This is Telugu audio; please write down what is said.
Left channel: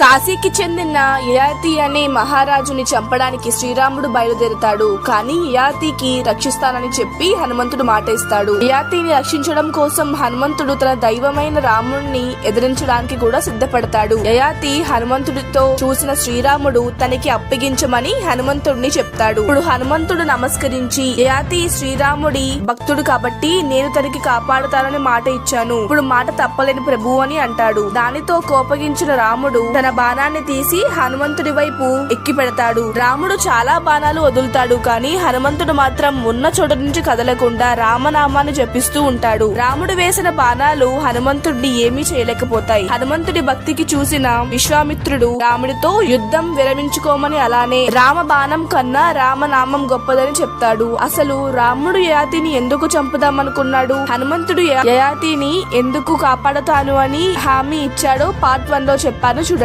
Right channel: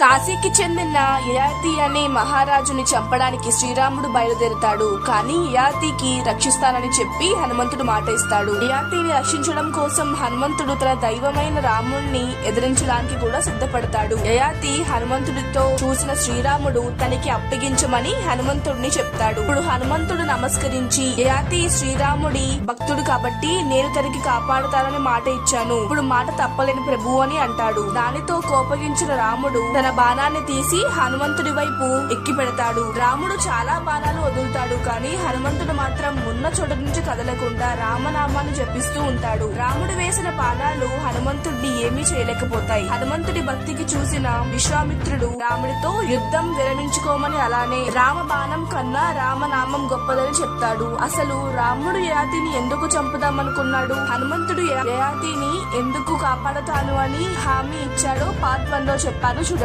కాశీకి చెందిన యయాతి అనే మహారాజుని చంపడానికి శ్రీరాముడు బయలుదేరుతాడు. కానీ యయాతికి రక్షిస్తానని చెప్పి హనుమంతుడు మాట ఇస్తాడు. యయాతిని రక్షించడం కోసం హనుమంతుడు తన దైవమైన రాముణ్ణి ఎదిరించడానికి కూడా సిద్ధపడతాడు. యయాతి హనుమంతుడితో చూసిన శ్రీరాముడు తనకి అప్పగించమని హనుమంతుడిని చెప్తాడు. ఇప్పుడు హనుమంతుడు నమస్కరించి, యయాతి శ్రీరాముడి భక్తుడు కాబట్టి నేను తనకి కాపాడుతానని మాట ఇచ్చాను, ఇప్పుడు మాట తప్పలేని ప్రభు అని అంటాడు. దానితో కోపగించిన రాముడు తన బాణాన్ని తీసి హనుమంతుడి వైపు ఎక్కి పెడతాడు. రాముడు చాలా బాణాలు వదులుతాడు, కానీ హనుమంతుడు మాత్రం ఉన్న చోట నుంచి కదలకుండా రామనామాన్ని జపిస్తూ ఉంటాడు. రాముడు వేసిన బాణాలు హనుమంతుడిని ఏమీ చేయలేకపోతాయి. హనుమంతుడి భక్తికి చూసిన విశ్వామిత్రుడు రాముడితో యుద్ధం విరమించుకోమని, అలానే రామ బాణం కన్నా రామనామం గొప్పదని చెప్తాడు. అసలు రాముడు యయాతిని ఎందుకు చంపుదామనుకున్నాడు, హనుమంతుడు యయాతిని ఎందుకు కాపాడతాను అని హామీ ఇచ్చాడో పార్ట్ 1 లో చెప్పాను చూడండి.